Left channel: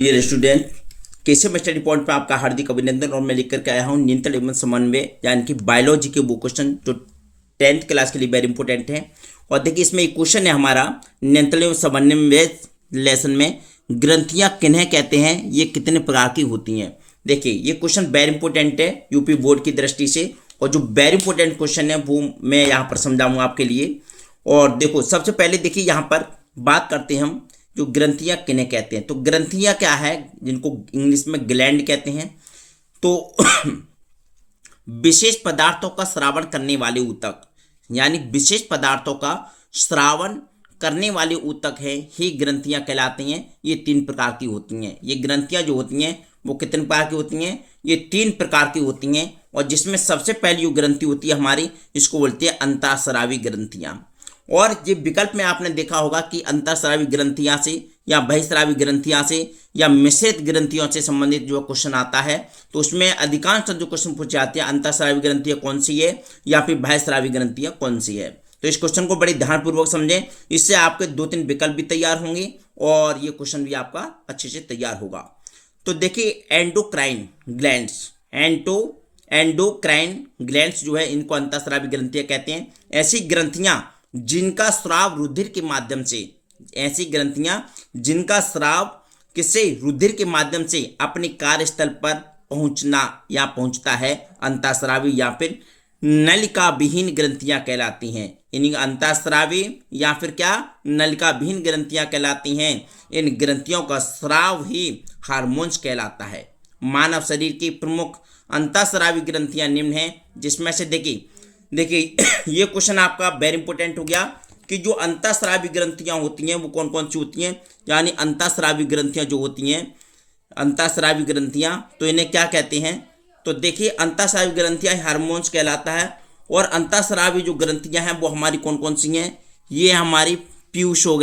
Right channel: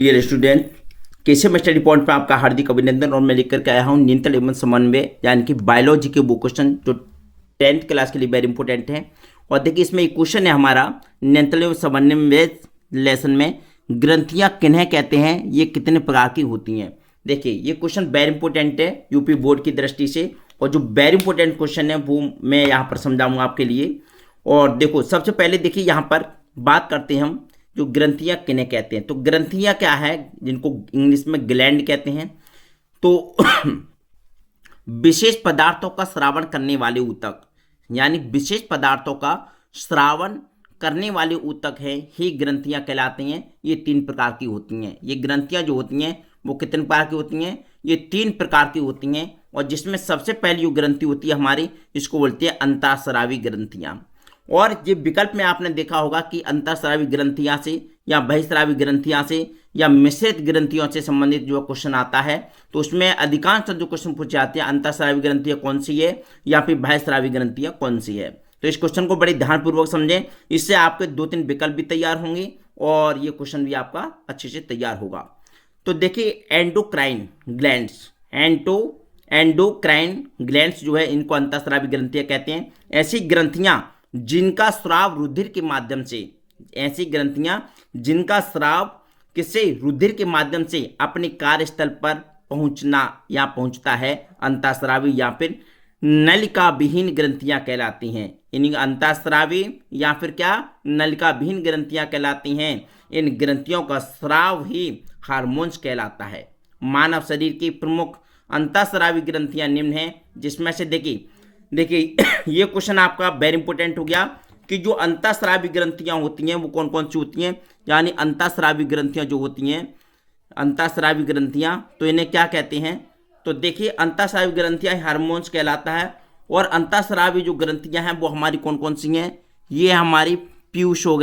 Dear student, Keshav study point पर आपका हार्दिक अभिनंदन। और मैं लेकर के आया हूँ न्यूनतम एवं समन्वय यानी कि बायोलॉजी के वो क्वेश्चन जो 10th क्लास के लिए वेरी इंपॉर्टेंट है। और देखिए इसमें एक क्वेश्चन है हमारा न्यूनतम एवं समन्वय लेसन में, ग्रंथियाँ किन्हें कहते हैं, ये कितने प्रकार की होती हैं। देखिए ये क्वेश्चन वेरी इंपॉर्टेंट है यूपी बोर्ड की दृष्टि से, और जो वेरी इंपॉर्टेंट क्वेश्चन है वो मैं यहाँ पर समझाऊंगा आपके लिए। और देखो सबसे पहले देखिए यहाँ पर बात करते हैं हम जो ग्रंथियां किन्हें कहते हैं। तो ग्रंथियां क्या है, जिनको इंग्लिश में ग्लैंड कहते हैं। तो विशेष पदार्थों का स्रावन करने वाले ऊतक, यानी विशेष पदार्थों का स्रावन करने वाले ऊतक है ही ग्रंथियां कहलाते हैं। ये 3 प्रकार की होती हैं। ये ग्रंथियां जो होती हैं वो कितने प्रकार की होती हैं, ये 3 प्रकार की होती हैं। और जिसमें सबसे पहली जो ग्रंथि होती है हमारी, इसको बोलते हैं अंतःस्रावी ग्रंथियां। और ये विकल्प में आपने देखा होगा कि अंतःस्रावी ग्रंथियां से या बहिस्रावी ग्रंथियां से या मिश्रित ग्रंथियों से संबंधित जो क्वेश्चन आता है, तो उसमें अधिकांश जो क्वेश्चन पूछे जाते हैं अंतःस्रावी ग्रंथियां कौन सी है या फिर बहिस्रावी ग्रंथियां कौन सी है। तो इस क्वेश्चन को बड़े ध्यानपूर्वक समझें, इससे आपके 2-3 विकल्प भी तैयार होंगे और ये क्वेश्चन भी आपका अच्छे से तैयार होगा। तो देखिए एंडोक्राइन ग्लैंड्स, एंडोक्राइन ग्लैंड्स जो है इनको अंतःस्रावी ग्रंथियां कहते हैं। ऐसी ग्रंथियां जिनका स्राव रुधिर के माध्यम से, ऐसी ग्रंथियां जिनका स्राव किसी रुधिर के माध्यम से अपने कार्यस्थल पर पहुंचना या पहुंचता है, अंतःस्रावी या फिर नलिका विहीन ग्रंथियां कहलाती हैं। इन अंतःस्रावी या फिर क्या नलिका विहीन ग्रंथियां कहलाती हैं। इन ग्रंथियों का स्राव ही हार्मोन्स कहलाता है। मानव शरीर की प्रमुख अंतःस्रावी ग्रंथियां निम्न हैं, जिसमें से देखिए ये क्वेश्चन आपका वेरी इंपॉर्टेंट हो गया कि जो अंतःस्रावी ग्रंथियां होती हैं वो कौन कौन सी होती हैं। यानी अंतःस्रावी ग्रंथियां जो होती हैं, अंतःस्रावी ग्रंथियां, तो इन्हें क्या कहते हैं। तो देखिए अंतःस्रावी ग्रंथियां हार्मोन्स कहलाता है। और अंतःस्रावी जो ग्रंथियां हैं वो हमारी कौन कौन सी हैं, ये हमारी पीयूष हो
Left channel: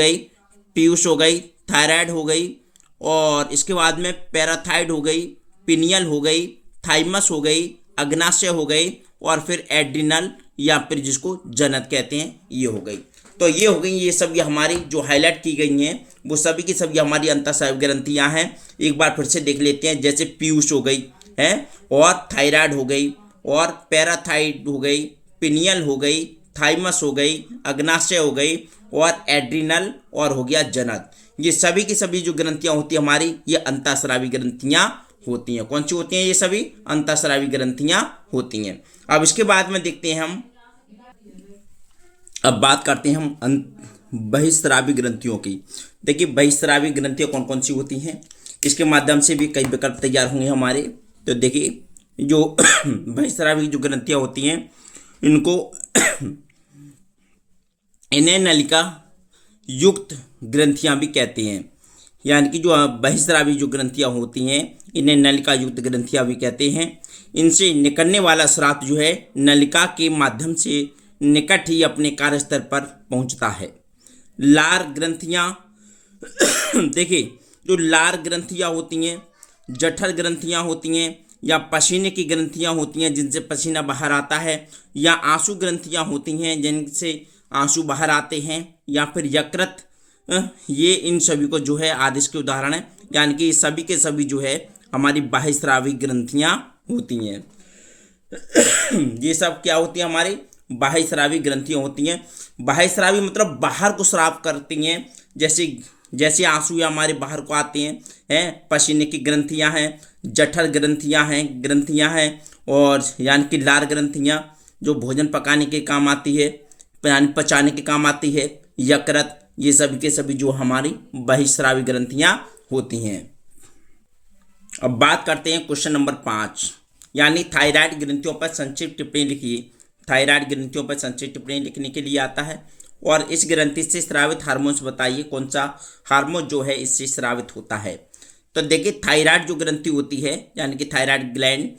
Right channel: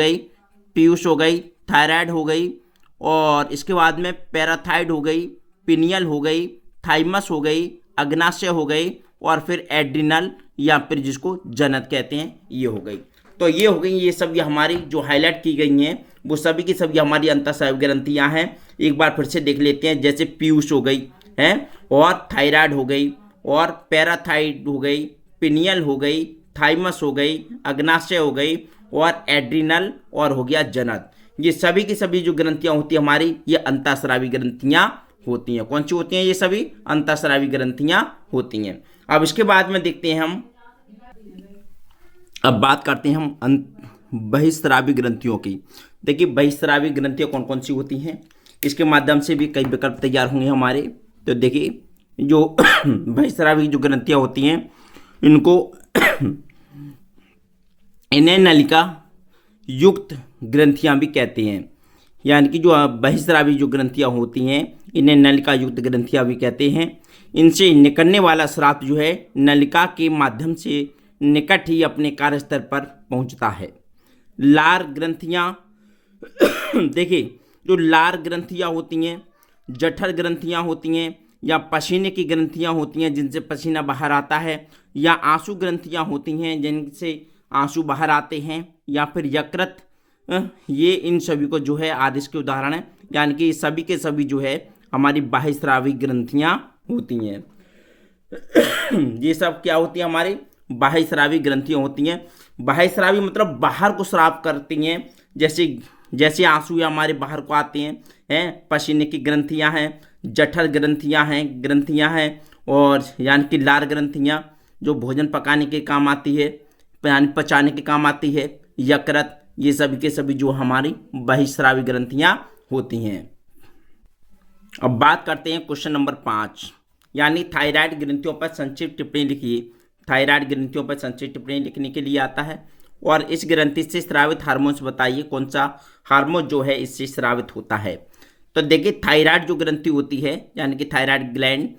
गई, थायराइड हो गई, और इसके बाद में पैराथाइड हो गई, पिनियल हो गई, थाइमस हो गई, अग्नाशय हो गई, और फिर एड्रिनल या फिर जिसको जनत कहते हैं ये हो गई। तो ये हो गई, ये सब ये हमारी जो हाईलाइट की गई हैं वो सभी की सभी हमारी अंतःस्रावी ग्रंथियां हैं। एक बार फिर से देख लेते हैं। जैसे पीयूष हो गई है, और थायराइड हो गई, और पैराथाइड हो गई, पिनियल हो गई, थाइमस हो गई, अग्नाशय हो गई, और एड्रिनल, और हो गया जनत। ये सभी की सभी जो ग्रंथियां होती है हमारी, ये अंतःस्रावी ग्रंथियां होती हैं। कौन सी होती हैं, ये सभी अंतःस्रावी ग्रंथियां होती हैं। अब इसके बाद में देखते हैं हम, अब बात करते हैं हम बहिस्रावी ग्रंथियों की। देखिए बहिस्रावी ग्रंथियां कौन कौन सी होती हैं, इसके माध्यम से भी कई विकल्प तैयार होंगे हमारे। तो देखिए जो बहिस्रावी जो ग्रंथियां होती हैं इनको इन्हें नलिका युक्त ग्रंथियां भी कहते हैं। यानी कि जो बहिस्रावी जो ग्रंथियां होती हैं इन्हें नलिका युक्त ग्रंथियां भी कहते हैं। इनसे निकलने वाला स्राव जो है नलिका के माध्यम से निकट ही अपने कार्यस्थल पर पहुंचता है। लार ग्रंथियां देखिए जो लार ग्रंथियां होती हैं, जठर ग्रंथियां होती हैं, या पसीने की ग्रंथियां होती हैं जिनसे पसीना बाहर आता है, या आंसू ग्रंथियां होती हैं जिनसे आंसू बाहर आते हैं, या फिर यकृत, ये इन सभी को जो है आदेश के उदाहरण है। यानी कि सभी के सभी जो है हमारी बाह्यस्रावी ग्रंथियां होती हैं। ये सब क्या होती है, हमारी बाह्यस्रावी ग्रंथियां होती हैं। बाह्यस्रावी मतलब बाहर को स्राव करती हैं, जैसे आंसू या हमारे बाहर को आते हैं पसीने की ग्रंथियां हैं, जठर ग्रंथियां हैं, और यानी कि लार ग्रंथियां जो भोजन पकाने के काम आती है, पचाने के काम आती है, यकृत, ये सभी के सभी जो हमारी बहिस्रावी ग्रंथियां होती हैं। अब बात करते हैं क्वेश्चन नंबर 5, यानी थायराइड ग्रंथियों पर संक्षिप्त टिप्पणी लिखिए। थायराइड ग्रंथियों पर संक्षिप्त टिप्पणी लिखने के लिए आता है। और इस ग्रंथि से स्रावित हार्मोन्स बताइए, कौन सा हार्मोन जो है इससे स्रावित होता है। तो देखिए थायराइड जो ग्रंथि होती है यानी कि थायराइड ग्लैंड,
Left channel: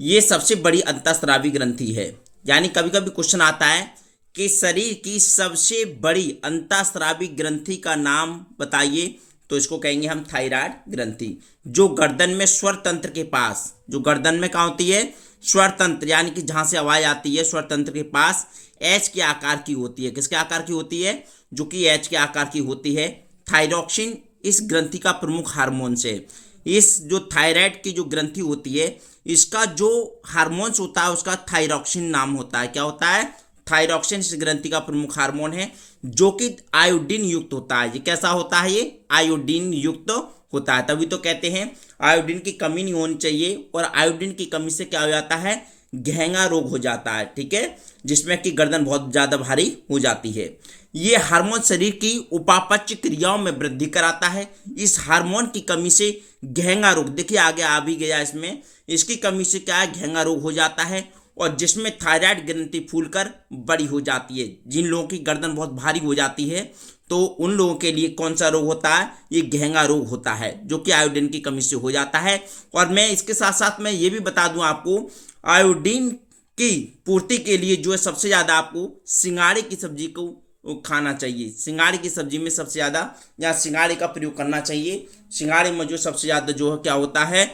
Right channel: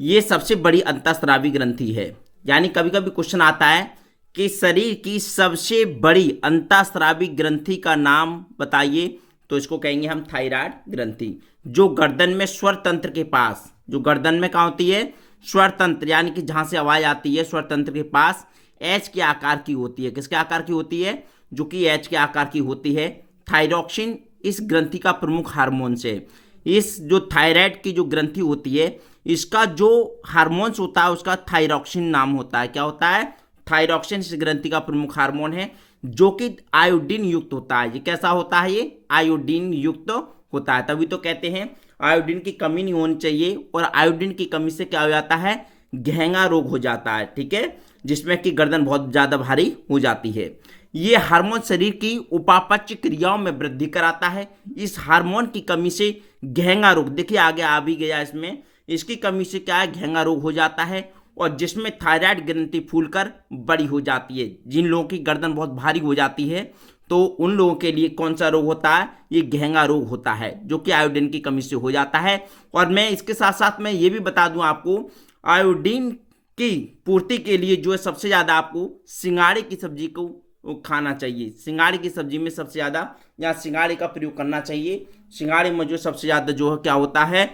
ये सबसे बड़ी अंतःस्रावी ग्रंथि है। यानी कभी कभी क्वेश्चन आता है कि शरीर की सबसे बड़ी अंतःस्रावी ग्रंथि का नाम बताइए, तो इसको कहेंगे हम थायराइड ग्रंथि। जो गर्दन में स्वर तंत्र के पास, जो गर्दन में कहाँ होती है, स्वर तंत्र, यानी कि जहाँ से आवाज आती है स्वर तंत्र के पास एच के आकार की होती है। किसके आकार की होती है, जो कि एच के आकार की होती है। थायरॉक्सिन इस ग्रंथि का प्रमुख हार्मोन्स है। इस जो थायराइड की जो ग्रंथि होती है, इसका जो हार्मोन्स होता है उसका थायरॉक्सिन नाम होता है। क्या होता है? थायरॉक्सिन इस ग्रंथि का प्रमुख हार्मोन है, जो कि आयोडीन युक्त होता है। ये कैसा होता है? ये आयोडीन युक्त होता है। तभी तो कहते हैं आयोडीन की कमी नहीं होनी चाहिए, और आयोडीन की कमी से क्या हो जाता है? घेंगा रोग हो जाता है। ठीक है, जिसमें कि गर्दन बहुत ज़्यादा भारी हो जाती है। ये हार्मोन शरीर की उपापचय क्रियाओं में वृद्धि कराता है। इस हार्मोन की कमी से घेंगा रोग, देखिए आगे आ भी गया इसमें, इसकी कमी से क्या है? घेंगा रोग हो जाता है, और जिसमें थायराइड ग्रंथि फूलकर बड़ी हो जाती है। जिन लोगों की गर्दन बहुत भारी हो जाती है तो उन लोगों के लिए कौन सा रोग होता है? ये घेंगा रोग होता है, जो कि आयोडीन की कमी से हो जाता है। और मैं इसके साथ साथ मैं ये भी बता दूं आपको, आयोडीन की पूर्ति के लिए जो है सबसे ज़्यादा आपको सिंघाड़े की सब्जी को खाना चाहिए। सिंघाड़े की सब्जी में सबसे ज़्यादा या सिंघाड़े का प्रयोग करना चाहिए। सिंघाड़े में जो सबसे ज़्यादा जो है क्या होता है?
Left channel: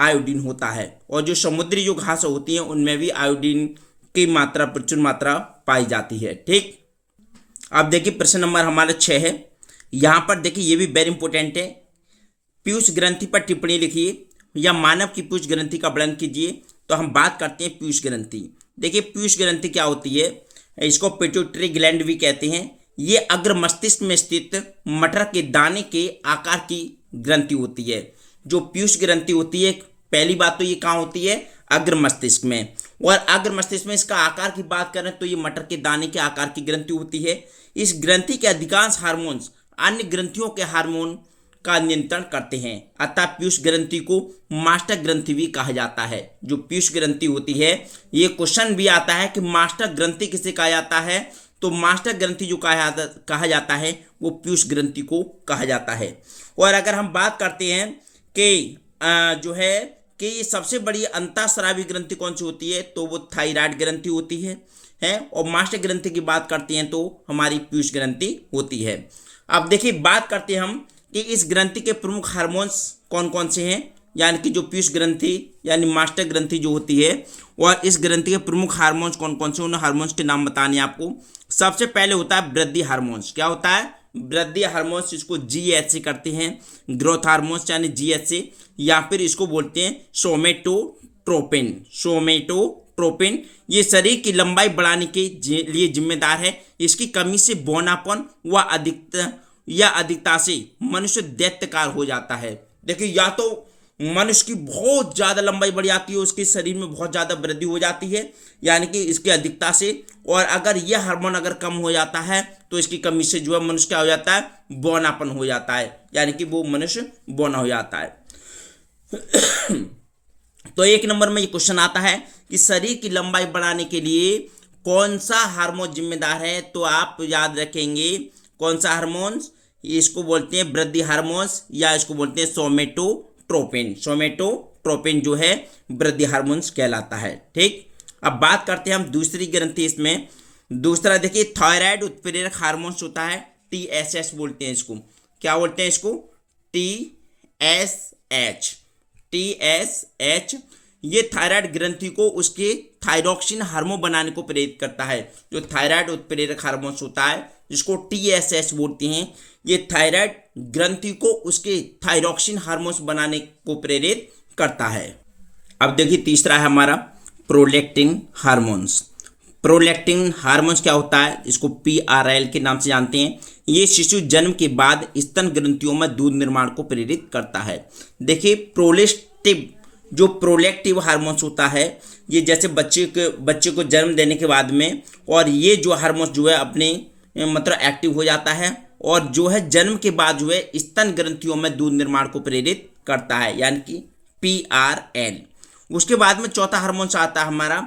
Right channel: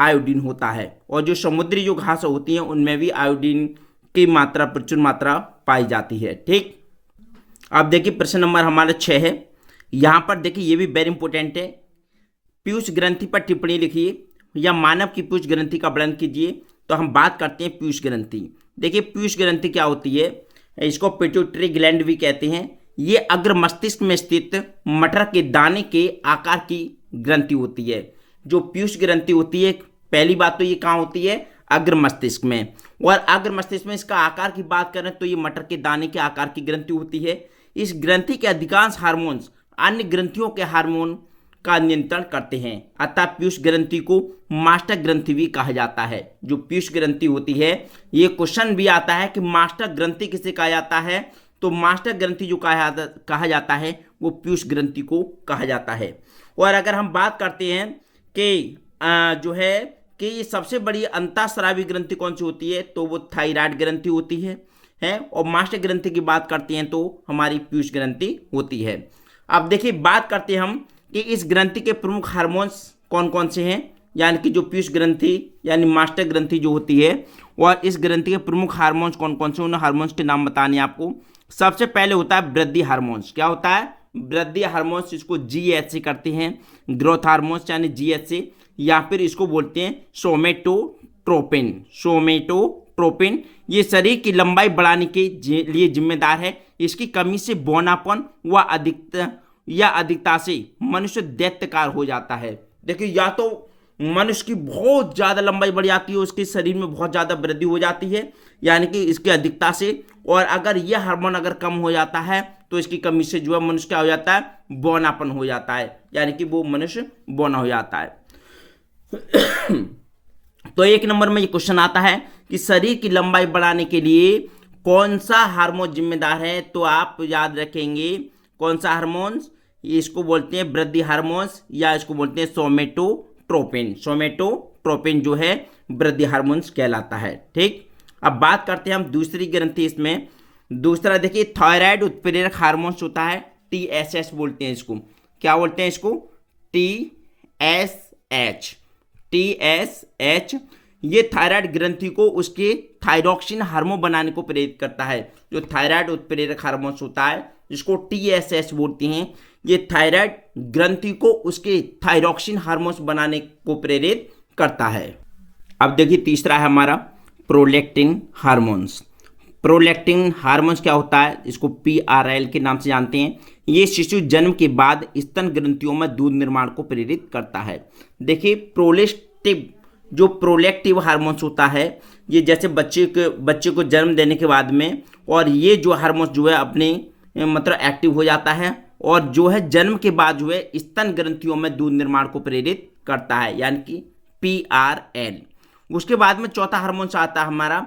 आयोडीन होता है। और जो समुद्री जो घास होती हैं उनमें भी आयोडीन की मात्रा, प्रचुर मात्रा पाई जाती है। ठीक, अब देखिए प्रश्न नंबर हमारा 6 है। यहाँ पर देखिए ये भी वेरी इंपॉर्टेंट है। पीयूष ग्रंथि पर टिप्पणी लिखिए या मानव की पीयूष ग्रंथि का वर्णन कीजिए। तो हम बात करते हैं पीयूष ग्रंथि। देखिए पीयूष ग्रंथि क्या होती है? इसको पिट्यूटरी ग्लैंड भी कहते हैं। ये अग्र मस्तिष्क में स्थित मटर के दाने के आकार की ग्रंथि होती है। जो पीयूष ग्रंथि होती है, पहली बात तो ये कहाँ होती है? अग्र मस्तिष्क में। और अग्र मस्तिष्क में इसका आकार की बात करें तो ये मटर के दाने के आकार की ग्रंथि होती है। इस ग्रंथि के अधिकांश हार्मोन्स अन्य ग्रंथियों के हार्मोन का नियंत्रण करते हैं, अतः पीयूष ग्रंथि को मास्टर ग्रंथि भी कहा जाता है। जो पीयूष ग्रंथि होती है, ये क्वेश्चन भी आता है कि मास्टर ग्रंथि किसे कहा जाता है? तो मास्टर ग्रंथि जो कहा जाता है वो पीयूष ग्रंथि को कहा जाता है। और अगर हम बात करते हैं कि जो है कि ये सबसे बड़ी अंतःस्रावी ग्रंथि कौन सी होती है, तो वो थायराइड ग्रंथि होती है। और मास्टर ग्रंथि की बात करते हैं तो हमारी पीयूष ग्रंथि होती है। अब देखिए बात करते हैं हम कि इस ग्रंथि के प्रमुख हार्मोन्स कौन कौन से हैं, यानी कि जो पीयूष ग्रंथि यानी मास्टर ग्रंथि जो होती है, और इस ग्रंथि के प्रमुख हार्मोन्स कौन कौन से, उन हार्मोन्स के नाम बताने आपको। सबसे पहले होता है वृद्धि हार्मोन्स। क्या होता है? वृद्धि हार्मोन्स, इसको GH से करते हैं। ग्रोथ हार्मोन्स यानी GH से, या फिर इसको बोलते हैं सोमेटोट्रोपिन। सोमेटोट्रोपिन ये शरीर की लंबाई बढ़ाने के लिए जिम्मेदार है। इसकी कमी से बौनापन व अधिकता से मनुष्य दैत्यकार हो जाता है। देखिए, या तो मनुष्य की बहुत ज़्यादा लंबाई बढ़ जाती है, उसके शरीर में बहुत ज़्यादा वृद्धि हो जाती है, यानी कि इसकी अधिकता से। और अगर यह हार्मोन अगर कम हो जाता है तो इसकी कमी से जो है मनुष्य क्या हो जाता है? बौनापन हो जाता है, यानी कि वो मनुष्य बौना हो जाता है। तो एक नंबर में ये क्वेश्चन आता है कि शरीर की लंबाई बढ़ाने के लिए कौन सा हार्मोन जिम्मेदार है? तो आप याद रखेंगे कौन सा हार्मोन्स, इसको बोलते हैं वृद्धि हार्मोन्स, या इसको बोलते हैं सोमेटोट्रोपिन। सोमेटोट्रोपिन जो है वृद्धि हार्मोन्स कहलाता है। ठीक, अब बात करते हैं हम दूसरी ग्रंथि। इसमें दूसरा देखिए थायराइड उत्प्रेरक हार्मोन्स होता है, TSH बोलते हैं इसको। क्या बोलते हैं इसको? TSH। ये थायराइड ग्रंथि को उसके थायरॉक्सिन हार्मोन बनाने को प्रेरित करता है। जो थायराइड उत्प्रेरक हार्मोन्स होता है जिसको TSH बोलते हैं, ये थायराइड ग्रंथि को उसके थायरॉक्सिन हार्मोन्स बनाने को प्रेरित करता है। अब देखिए तीसरा है हमारा प्रोलैक्टिन हार्मोन्स। प्रोलैक्टिन हार्मोन्स क्या होता है? इसको PRL के नाम से जानते हैं। ये शिशु जन्म के बाद स्तन ग्रंथियों में दूध निर्माण को प्रेरित करता है। देखिए जो प्रोलैक्टिव हार्मोन्स होता है, ये जैसे बच्चे को जन्म देने के बाद में, और ये जो हार्मोन्स जो है अपने मतलब एक्टिव हो जाता है, और जो है जन्म के बाद जो है स्तन ग्रंथियों में दूध निर्माण को प्रेरित करता है, यानी कि PRL। उसके बाद में चौथा हार्मोन्स आता है हमारा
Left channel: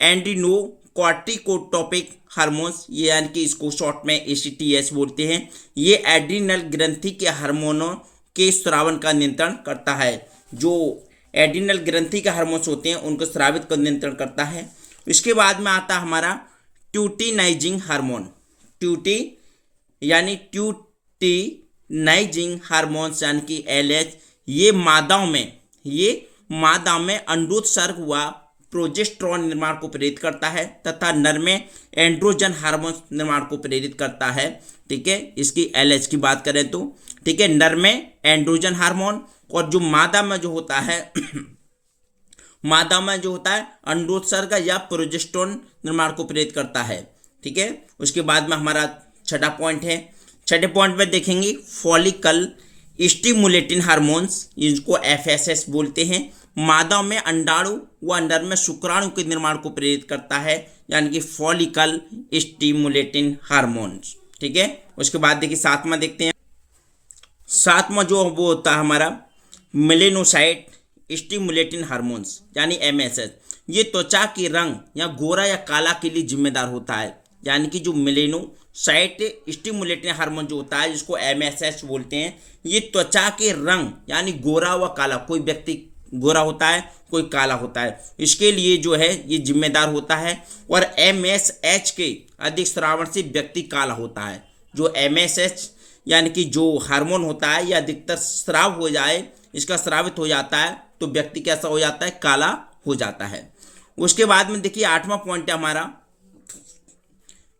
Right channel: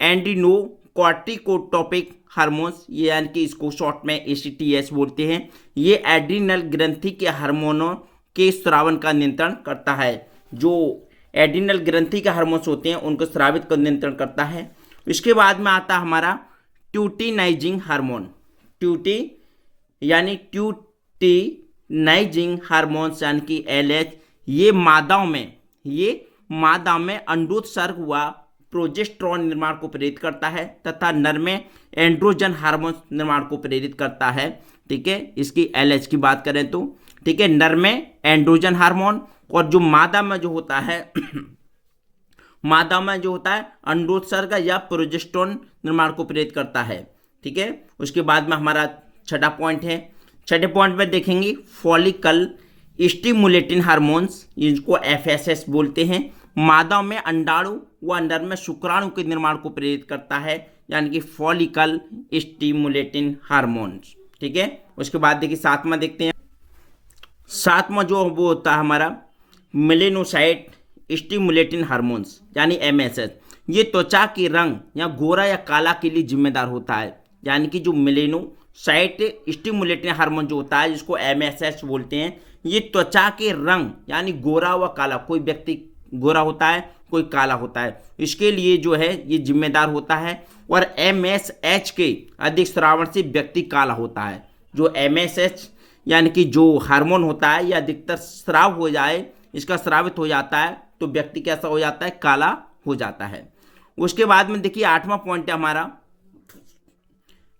एंड्रिनोकॉर्टिकोट्रोपिक हार्मोन्स, ये यानी कि इसको शॉर्ट में ACTH बोलते हैं। ये एड्रिनल ग्रंथि के हार्मोनों के स्रावन का नियंत्रण करता है। जो एड्रिनल ग्रंथि के हार्मोन्स होते हैं उनको स्रावित का नियंत्रण करता है। इसके बाद में आता है हमारा ट्यूटिनाइजिंग हार्मोन। ट्यूटिनाइजिंग हार्मोन्स यानी कि LH, ये मादा में अंडोत्सर्ग व प्रोजेस्टेरॉन निर्माण को प्रेरित करता है, तथा नर में एंड्रोजन हार्मोन निर्माण को प्रेरित करता है। ठीक है, इसकी LH की बात करें तो, ठीक है। नर में एंड्रोजन हार्मोन, और जो मादा में जो होता है मादा में जो होता है अंडोत्सर्ग या प्रोजेस्टेरोन निर्माण को प्रेरित करता है, ठीक है। उसके बाद में हमारा छठा पॉइंट है, छठे पॉइंट में देखेंगे फॉलिकल स्टिमुलेटिंग हार्मोन्स, इनको FSH बोलते हैं। मादा में अंडाणु व नर में शुक्राणु के निर्माण को प्रेरित करता है, यानी कि फॉलिकल स्टिमुलेटिंग हार्मोन्स, ठीक है। उसके बाद देखिए सातवां देखते हैं। सातवां जो वो होता है हमारा मेलेनोसाइट स्टिमुलेटिंग हार्मोन्स, यानी MSH। ये त्वचा के रंग या गोरा या काला के लिए जिम्मेदार होता है, यानी कि जो मेलेनोसाइट स्टिमुलेटिंग हार्मोन जो होता है, जिसको MSH बोलते हैं, ये त्वचा के रंग यानी गोरा व काला, कोई व्यक्ति गोरा होता है, कोई काला होता है, इसके लिए जो है ये जिम्मेदार होता है। और MSH के अधिक स्रावन से व्यक्ति काला होता है। जो MSH यानी कि जो हार्मोन होता है, ये अधिकतर स्राव हो जाए, इसका स्रावित हो जाता है तो व्यक्ति कैसा हो जाता है, काला हो जाता है। उसके बाद में देखिए आठवां पॉइंट है हमारा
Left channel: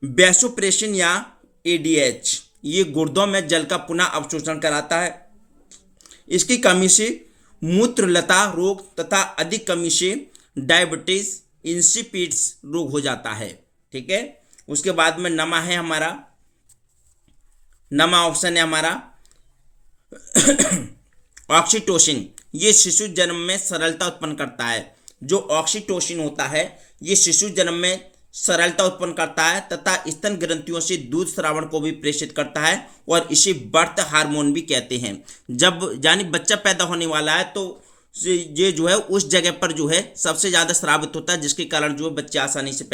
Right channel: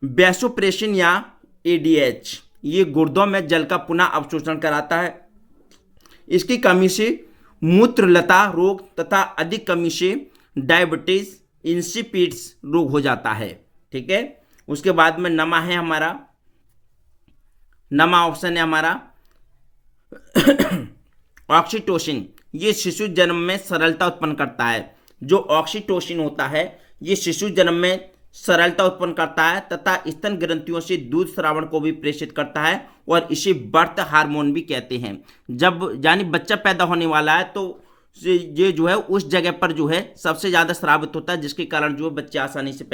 वैसोप्रेसिन या ADH। ये गुर्दों में जल का पुनः अवशोषण कराता है। इसकी कमी से मूत्रलता रोग तथा अधिक कमी से डायबिटीज इंसिपिड्स रोग हो जाता है, ठीक है। उसके बाद में नमा है हमारा, नमा ऑप्शन है हमारा ऑक्सीटोसिन। ये शिशु जन्म में सरलता उत्पन्न करता है। जो ऑक्सीटोसिन होता है, ये शिशु जन्म में सरलता उत्पन्न करता है तथा स्तन ग्रंथियों से दूध स्रावण को भी प्रेषित करता है, और इसे बर्थ हार्मोन भी कहते हैं। जब यानी बच्चा पैदा होने वाला है तो ये जो है उस जगह पर जो है सबसे ज़्यादा स्रावित होता है, जिसके कारण जो है बच्चे आसानी से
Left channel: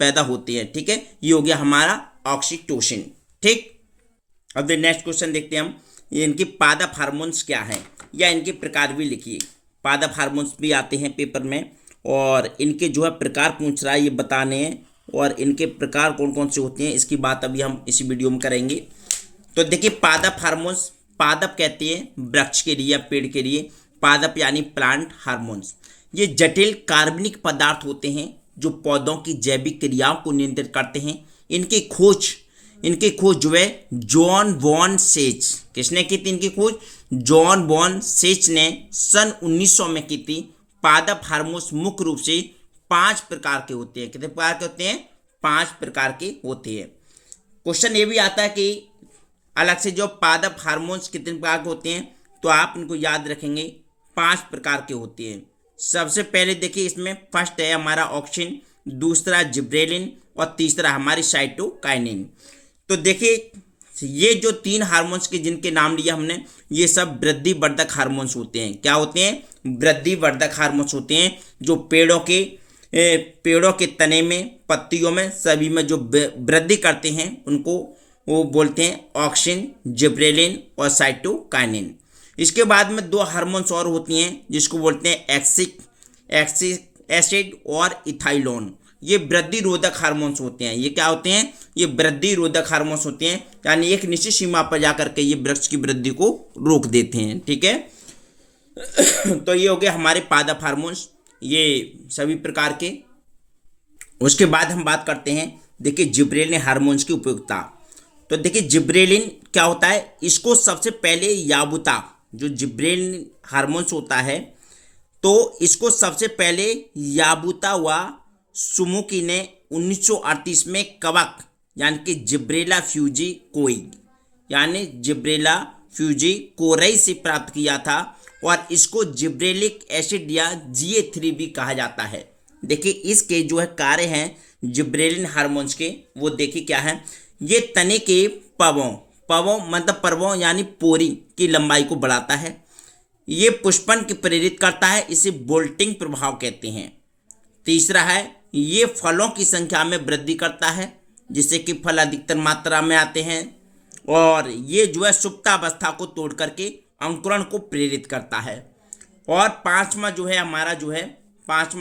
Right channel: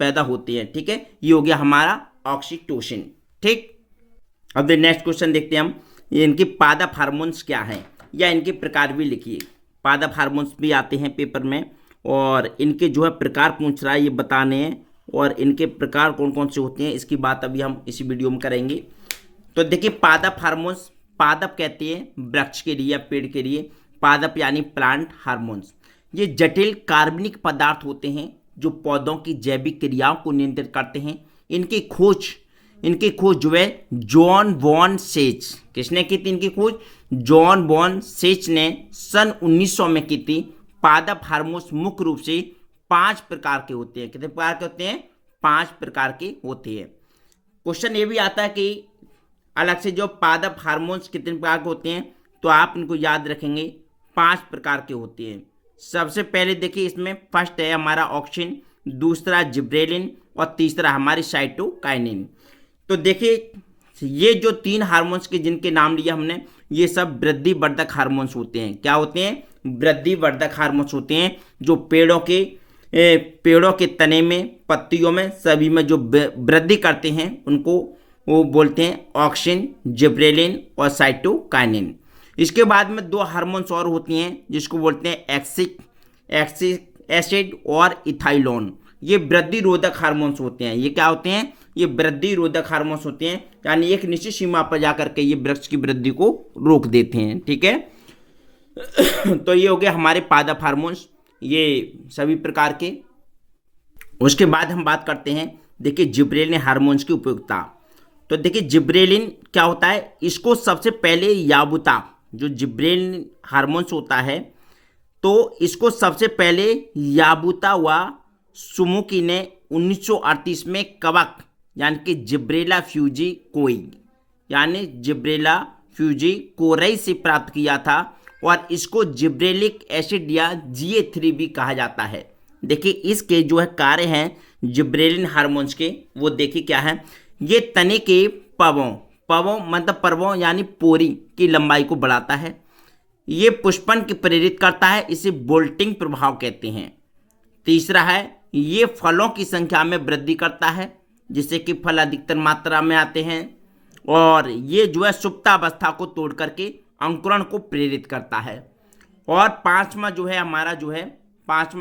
पैदा होते हैं, ठीक है। ये हो गया हमारा ऑक्सीटोसिन, ठीक। अब नेक्स्ट क्वेश्चन देखते हैं हम, इनके पादप हार्मोन्स क्या हैं, या इनके प्रकार भी लिखिए। पादप हार्मोन्स भी आते हैं पेपर में, और इनके जो है प्रकार पूछ रहा है ये बताने हैं, और इनके प्रकार कौन कौन से होते हैं इसकी बात अभी हम इसी वीडियो में करेंगे। तो देखिए पादप हार्मोन्स, पादप कहते हैं वृक्ष के लिए या पेड़ के लिए, पादप यानी प्लांट हार्मोन्स। ये जटिल कार्बनिक पदार्थ होते हैं जो पौधों की जैविक क्रियाओं को नियंत्रित करते हैं। इनकी खोज जो है जॉन वॉन सेच, किसने की थी इनकी खोज? जॉन वॉन सेच ने सन 1900 में की थी। पादप हार्मोन्स मुख्य रूप से 5 प्रकार के होते हैं। कितने प्रकार के होते हैं? 5 प्रकार के होते हैं। क्वेश्चन ये भी आता है कि अलग से जो पादप हार्मोन्स कितने प्रकार के होते हैं, तो आप इनको याद रखेंगे 5 प्रकार के होते हैं। सबसे पहले देखिए इसमें फर्स्ट है हमारा ऑक्सिन, दूसरा जिब्रेलिन, और तीसरा हमारी साइटोकाइनिन। तो देखिए ये जो 3 हार्मोन्स के जिनके नाम लिए हमने, ये सब वृद्धि वर्धक हार्मोन्स होते हैं। क्या होते हैं? वृद्धि वर्धक हार्मोन्स होते हैं, जो पेड़ों के तने में, पत्तियों में, सभी में जो वृद्धि करते हैं उनको वो बोलते हैं ऑक्सिन, जिब्रेलिन और साइटोकाइनिन। इसके बाद में 2 हार्मोन्स और होती हैं जिसको बोलते हैं एक्सिक एसिड और इथाइलोन। ये वृद्धि रोधक हार्मोन्स होते हैं। ये क्या होते हैं? ये वृद्धि रोधक हार्मोन्स होते हैं, यानी एक निश्चित सीमा पर जाकर के ये वृक्ष की वृद्धि को रोक देते हैं, ठीक है। तो ये हो गया हमारे पादप हार्मोन्स, ये सभी प्रकार के। उसके बाद हम बात करते हैं देखिए जिब्रेलिन हार्मोन्स की उपयोगिता। तो देखिए जिब्रेलिन क्या होता है, इसको सबसे पहले याबुता, जो जिब्रेलिन हार्मोन्स होता है, तो इसको सबसे पहले याबुता व सुमुकी ने 1938 में कवक यानी कि जिब्रेला फ्यूजी कोई यानी जिब्रेला फ्यूजी कोरई से प्राप्त किया था, और इसको जिब्रेलिक एसिड या GA3 भी कहा जाता है। देखिए इसके जो है कार्य हैं जिब्रेलिन हार्मोन्स के, वो देखिए क्या है। ये तने के पवों मतलब पर्वों यानी पोरी की लंबाई को बढ़ाता है। ये पुष्पन की प्रेरित करता है, इसे बोल्टिंग प्रभाव कहते हैं। तीसरा है ये फलों की संख्या में वृद्धि करता है, जिससे कि फल अधिकतर मात्रा में आते हैं, और ये जो है सुप्तावस्था को तोड़ करके अंकुरण को प्रेरित करता है। और पांचवा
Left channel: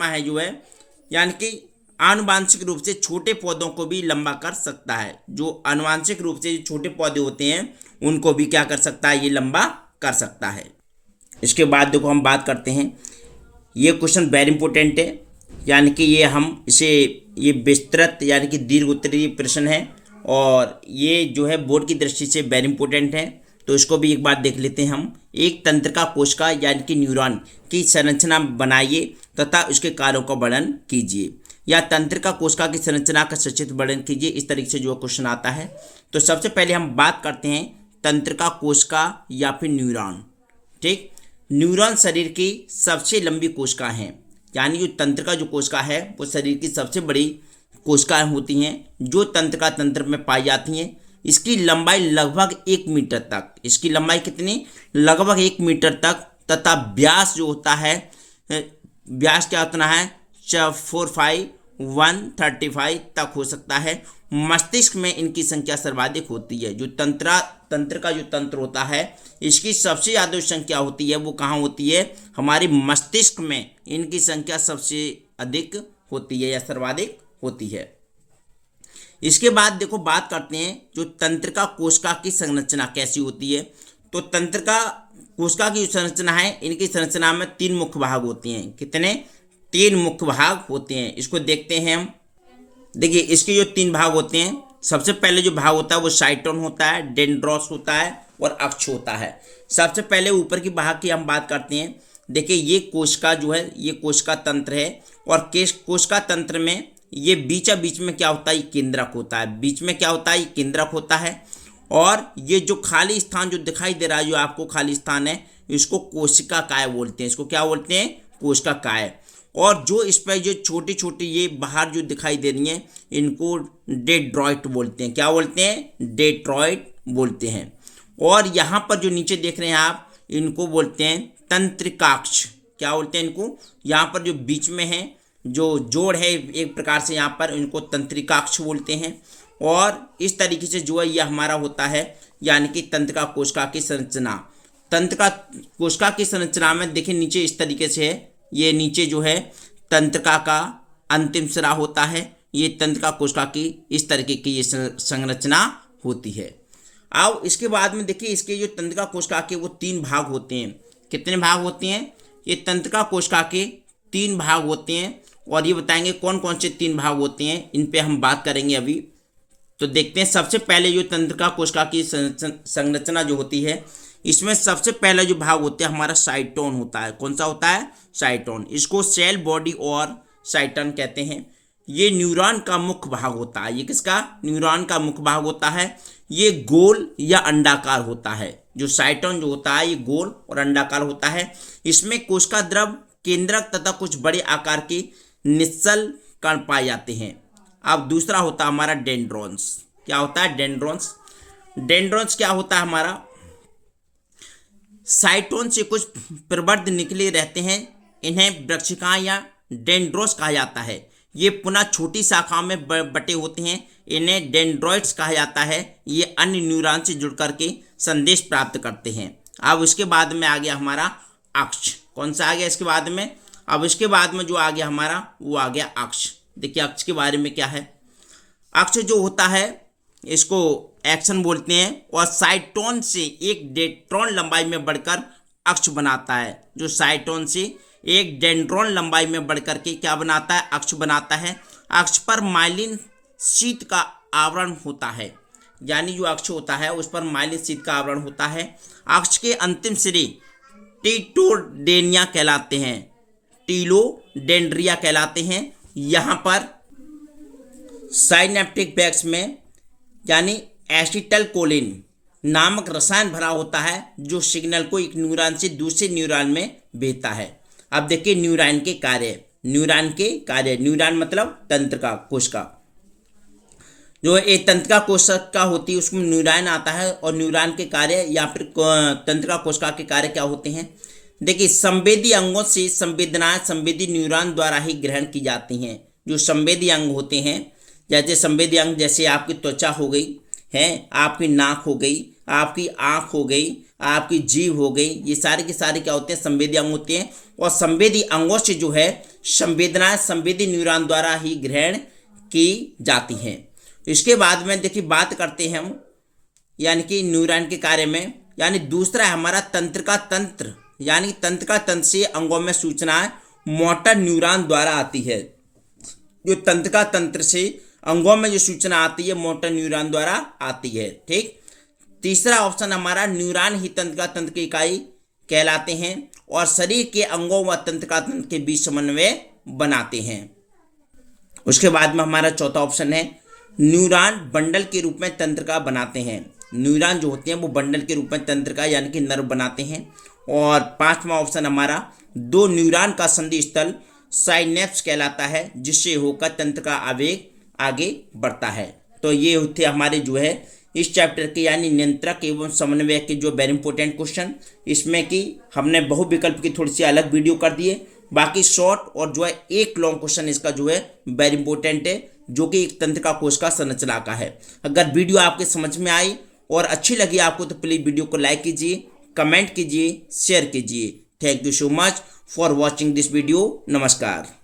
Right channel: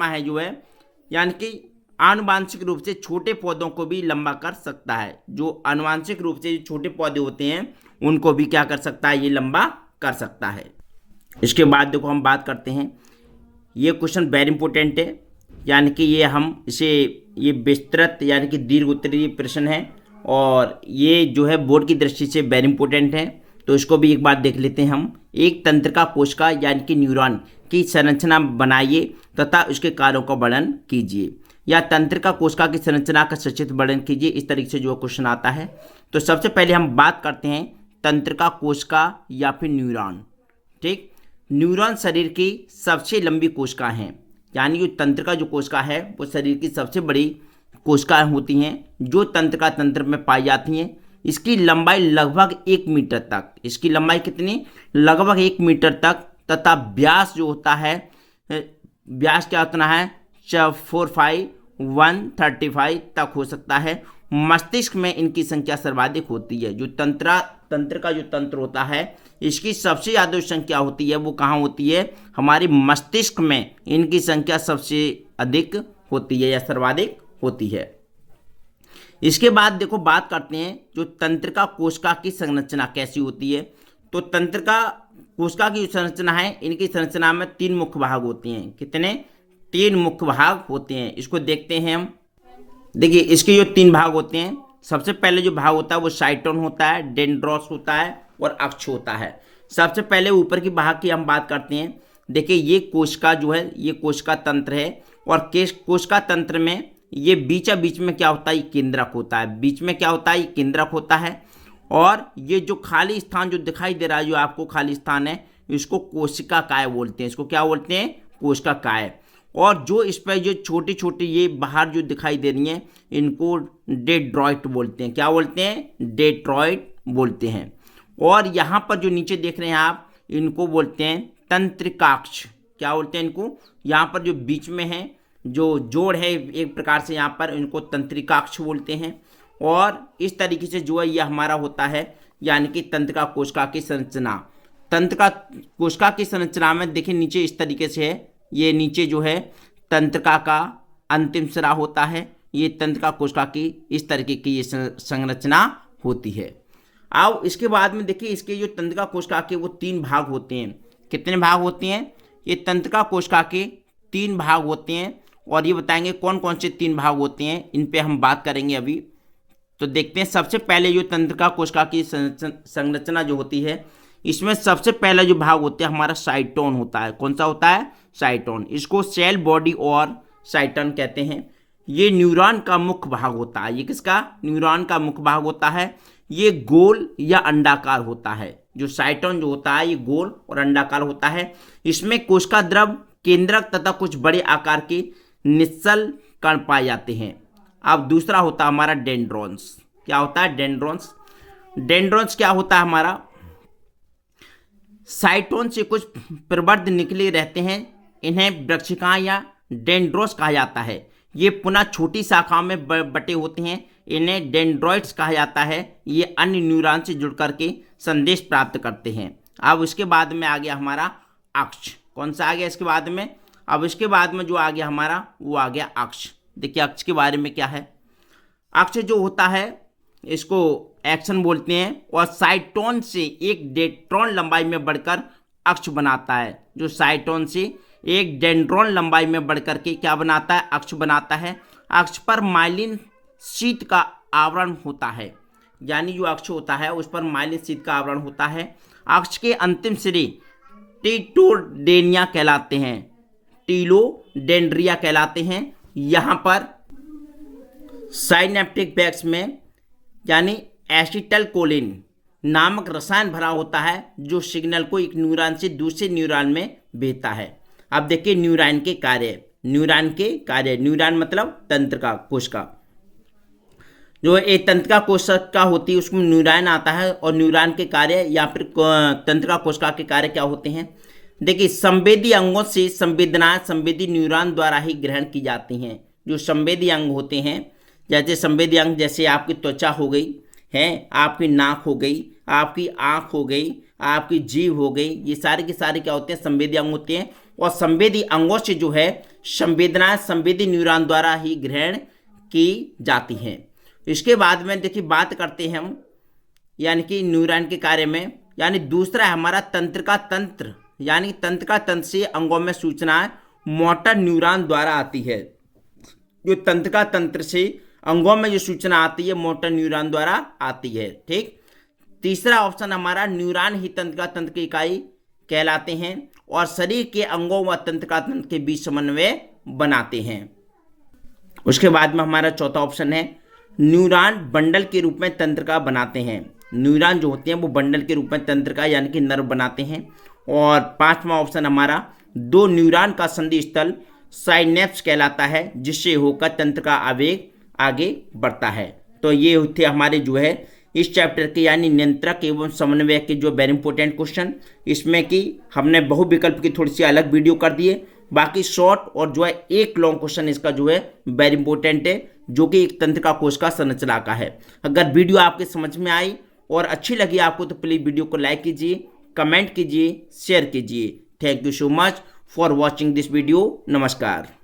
है यानी कि आनुवांशिक रूप से छोटे पौधों को भी लंबा कर सकता है। जो आनुवांशिक रूप से छोटे पौधे होते हैं उनको भी क्या कर सकता है, ये लंबा कर सकता है। इसके बाद देखो हम बात करते हैं, ये क्वेश्चन वेरी इंपॉर्टेंट है, यानी कि ये विस्तृत यानी कि दीर्घ उत्तरीय प्रश्न है, और ये जो है बोर्ड की दृष्टि से वेरी इंपॉर्टेंट है, तो इसको भी एक बार देख लेते हैं हम। एक तंत्रिका कोशिका यानी कि न्यूरॉन की संरचना बनाइए तथा उसके कार्यों का वर्णन कीजिए, या तंत्रिका कोशिका की संरचना का संक्षिप्त वर्णन कीजिए, इस तरीके से जो क्वेश्चन आता है। तो सबसे पहले हम बात करते हैं तंत्रिका कोशिका या फिर न्यूरॉन। ठीक, न्यूरॉन शरीर की सबसे लंबी कोशिका है, यानी जो तंत्रिका जो कोशिका है वो शरीर की सबसे बड़ी कोशिकाएं होती हैं जो तंत्रिका तंत्र में पाई जाती हैं। इसकी लंबाई लगभग 1 मीटर तक, इसकी लंबाई कितनी, लगभग 1 मीटर तक, तथा व्यास जो होता है, व्यास क्या उतना है 45135 तक हो सकता है। मस्तिष्क में इनकी संख्या सर्वाधिक होती है। जो तंत्र का जो तंत्र होता है इसकी सबसे ज़्यादा संख्या होती है वो कहाँ होती है, हमारे मस्तिष्क में इनकी संख्या सबसे अधिक होती है या सर्वाधिक होती है। इसके बाद देखो बात करते हैं जो तंत्रिका कोशिका की संरचना कैसी होती है। तो तंत्रिका कोशिका की जो संरचना है, इनकी संरचना में 3 मुख्य भाग होते हैं। कितने, 3 मुख्य भाग होते हैं। इसको देखते हैं हम। देखिए इसके जो 3 भाग होते हैं, सबसे पहले जो भाग होता है वो साइटोन होता है, डेंड्रोस होता है और अक्ष होता है। सबसे पहले ऊपर की भाग की हम बात करते हैं। देखिए ये कोशिका जो है ये कोशिका तंत्र है, और कोशिका तंत्र में ये बीच में क्या होता है, ये केंद्रक होता है। बीच में क्या होता है, ये केंद्रक होता है। और ये जो खाली स्थान जो दिखाई दे रहा है, जो आपको खाली स्थान है, इसको कोशिका काय बोलते हैं। इसको क्या बोलते हैं, कोशिका काय। और जो इस पर जो छोटी छोटी ये बाहर जो दिखाई दे रही हैं, इनको डेंड्राइट बोलते हैं। क्या बोलते हैं, डेंड्राइट बोलते हैं। और यहाँ पर जो नीचे देख रहे हैं आप, इनको बोलते हैं तंत्रिकाक्ष। क्या बोलते हैं इनको, यहाँ पर जो बीच में है जो जोड़ है एक प्रकार से, यहाँ पर इनको तंत्रिकाक्ष बोलते हैं। और इस तरीके से जो है यह हमारा होता है, यानी कि तंत्रिका कोशिका की संरचना। तंत्रिका कोशिका की संरचना में देखिए नीचे इस तरीके से है। ये नीचे जो है तंत्रिका का अंतिम सिरा होता है। ये तंत्रिका कोशिका की इस तरीके की ये संरचना होती है। अब इसके बाद में देखिए इसके जो तंत्रिका कोशिका के वो 3 भाग होते हैं। कितने भाग होते हैं, ये तंत्रिका कोशिका के 3 भाग होते हैं। और ये बताएंगे कौन कौन से 3 भाग होते हैं, इन पे हम बात करेंगे अभी। तो देखते हैं सबसे पहले जो तंत्रिका कोशिका की संरचना जो होती है, इसमें सबसे पहला जो भाग होता है हमारा साइटोन होता है। कौन सा होता है, साइटोन। इसको सेल बॉडी और साइटन कहते हैं। ये न्यूरॉन का मुख्य भाग होता है। ये किसका, न्यूरॉन का मुख्य भाग होता है। ये गोल या अंडाकार होता है। जो साइटोन जो होता है ये गोल और अंडाकार होता है। इसमें कोशिका द्रव, केंद्रक तथा कुछ बड़े आकार के निश्चल कण पाए जाते हैं। अब दूसरा होता है हमारा डेंड्रॉन्स। क्या होता है, डेंड्रॉन्स। डेंड्रॉन्स क्या होता है हमारा, साइटोन से कुछ प्रवर्ध निकले रहते हैं। इन्हें वृक्षिकाएं या डेंड्रोस कहा जाता है। ये पुनः छोटी शाखाओं में बटे होते हैं। इन्हें डेंड्रॉइड्स कहा जाता है। ये अन्य न्यूरॉन से जुड़ करके संदेश प्राप्त करते हैं। अब उसके बाद में आ गया हमारा अक्ष। कौन सा आ गया इसके बाद में, अब इसके बाद में जो आ गया हमारा वो आ गया अक्ष। देखिए अक्ष के बारे में क्या है। अक्ष जो होता है इसको एक्शन बोलते हैं, और साइटोन से 1 डेंड्रॉन लंबाई में बढ़कर अक्ष बनाता है। जो साइटोन से 1 डेंड्रॉन लंबाई में बढ़कर के क्या बनाता है, अक्ष बनाता है। अक्ष पर माइलिन शीट का आवरण होता है। यानी जो अक्ष होता है उस पर माइलिन शीट का आवरण होता है। अक्ष के अंतिम सिरे टीटोडेनिया कहलाते हैं, टीलोडेंड्रिया कहलाते हैं। यहाँ पर साइनेप्टिक बैग्स में यानी एसिटाइलकोलिन नामक रसायन भरा होता है, जो सिग्नल को एक न्यूरॉन से दूसरे न्यूरॉन में भेजता है। अब देखिए न्यूरॉन के कार्य। न्यूरॉन के कार्य, न्यूरॉन मतलब तंत्रिका कोशिका। जो एक तंत्रिका कोशिका होती है उसमें न्यूरॉन आता है, और न्यूरॉन के कार्य या फिर तंत्रिका कोशिका के कार्य क्या होते हैं। देखिए संवेदी अंगों से संवेदनाएं संवेदी न्यूरॉन द्वारा ही ग्रहण की जाती हैं। जो संवेदी अंग होते हैं, जैसे संवेदी अंग जैसे आपकी त्वचा हो गई है, आपकी नाक हो गई, आपकी आँख हो गई, आपकी जीभ हो गई, ये सारे के सारे क्या होते हैं, संवेदी अंग होते हैं। और संवेदी अंगों से जो है संवेदनाएं संवेदी न्यूरॉन द्वारा ही ग्रहण की जाती हैं। इसके बाद में देखिए बात करते हैं हम यानी कि न्यूरॉन के कार्य में। यानी दूसरा है हमारा तंत्रिका तंत्र। यानी तंत्रिका तंत्र से अंगों में सूचनाएं मोटर न्यूरॉन द्वारा आती है। जो तंत्रिका तंत्र से अंगों में जो सूचना आती है मोटर न्यूरॉन द्वारा आती है। ठीक, तीसरा ऑप्शन हमारा न्यूरॉन ही तंत्र की इकाई कहलाते हैं और शरीर के अंगों व तंत्र के बीच समन्वय बनाते हैं। उसके बाद में हमारा चौथा ऑप्शन है न्यूरॉन बंडल के रूप में तंत्रिका बनाते हैं। न्यूरॉन जो होते हैं वो बंडल के रूप में तंत्रिका यानी कि नर्व बनाते हैं। और पांचवा ऑप्शन हमारा दो न्यूरॉन का संधि स्थल साइनेप्स कहलाता है, जिससे होकर तंत्र का आवेग आगे बढ़ता है। तो ये थे हमारे जो है इस चैप्टर के यानी नियंत्रक एवं समन्वय के जो वेरी इंपॉर्टेंट क्वेश्चन। इसमें कि हमने बहुविकल्प की थोड़ी सी अलग वीडियो कर दिए, बाकी शॉर्ट और जो है एक लॉन्ग क्वेश्चन इसका जो है वेरी इंपॉर्टेंट है, जो कि एक तंत्रिका कोश का संरचना का है। अगर वीडियो आपके समझ में आई और अच्छी लगी आपको तो प्लीज़ वीडियो को लाइक कीजिए, कमेंट कीजिए, शेयर कीजिए। Thank you so much for watching this video. नमस्कार।